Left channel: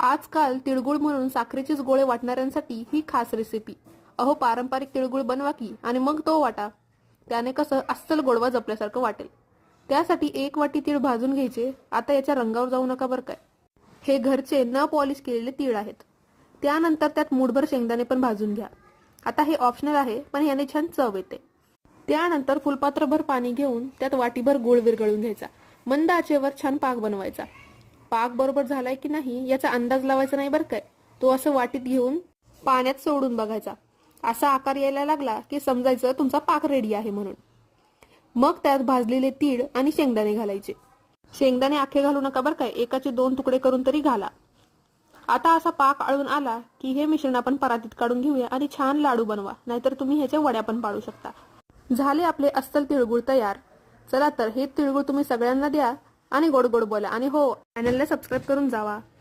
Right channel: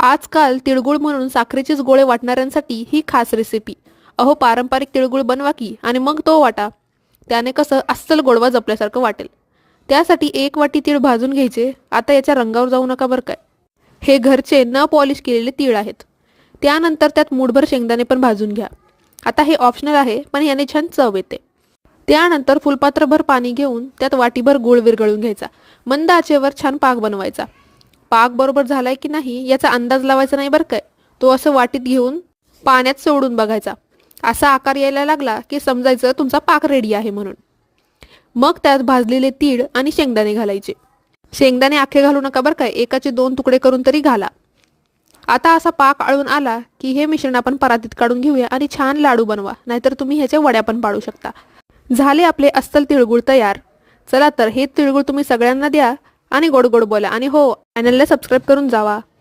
आजकाल तिळगुळ म्हणून साखरेचेच गोळे वाटणाऱ्यांसाठी ही खास रेसिपी. अहो, पारंपरिक तिळगुळ बनवा की आणि मग तो वाटा. त्याने कसं अस्सल गोडवा जपल्यासारखं वाटेल. त्यासाठी 1 वाटी तीळ भाजून घ्यायचे. आता याच्या रंगावर जाऊ नका बरं काय. हे घरचे न पॉलिश केलेले तीळ आहेत. त्यानंतर त्यात मूठभर शेंगदाणे पण भाजून घ्या. आता हे ऑप्शनल आहे, पण याने छान चव येते. त्यानंतर फुलपात्रभर पाणी घेऊन त्यात वाटीभर गूळ विरघळून घ्यायचा. मंद आचेवर छान पाक बनवायचा. पाक बरोबर झालाय की नाही याचा अंदाज लावायचा नाही बरं काय. तो असं वाटीत घेऊन पाण्यात सोडून बघायचा. असा आकार यायला लागला की समजायचं तुमचा पाक रेडी आहे म्हणून. मग त्यात भाजलेले तीळ आणि शेंगदाणे घालायचे. शेंगदाणे अख्खे घालू नका बरं काय, एकाचे 2 तुकडे करून तरी घाला. आता असा पाक आळून आला की हे मिश्रण आपण परातीत काढून घेऊया आणि छान लाडू बनवा, नाहीतर तुम्ही ह्याच्या वड्या पण पाडू शकता. झाले आपले अस्सल तिळगुळ तयार. चला तर हे तिळगुळ तुम्ही सगळ्यांना द्या आणि गोड गोड बोला. आणि हो, चॅनलला सबस्क्राईब करून जावा.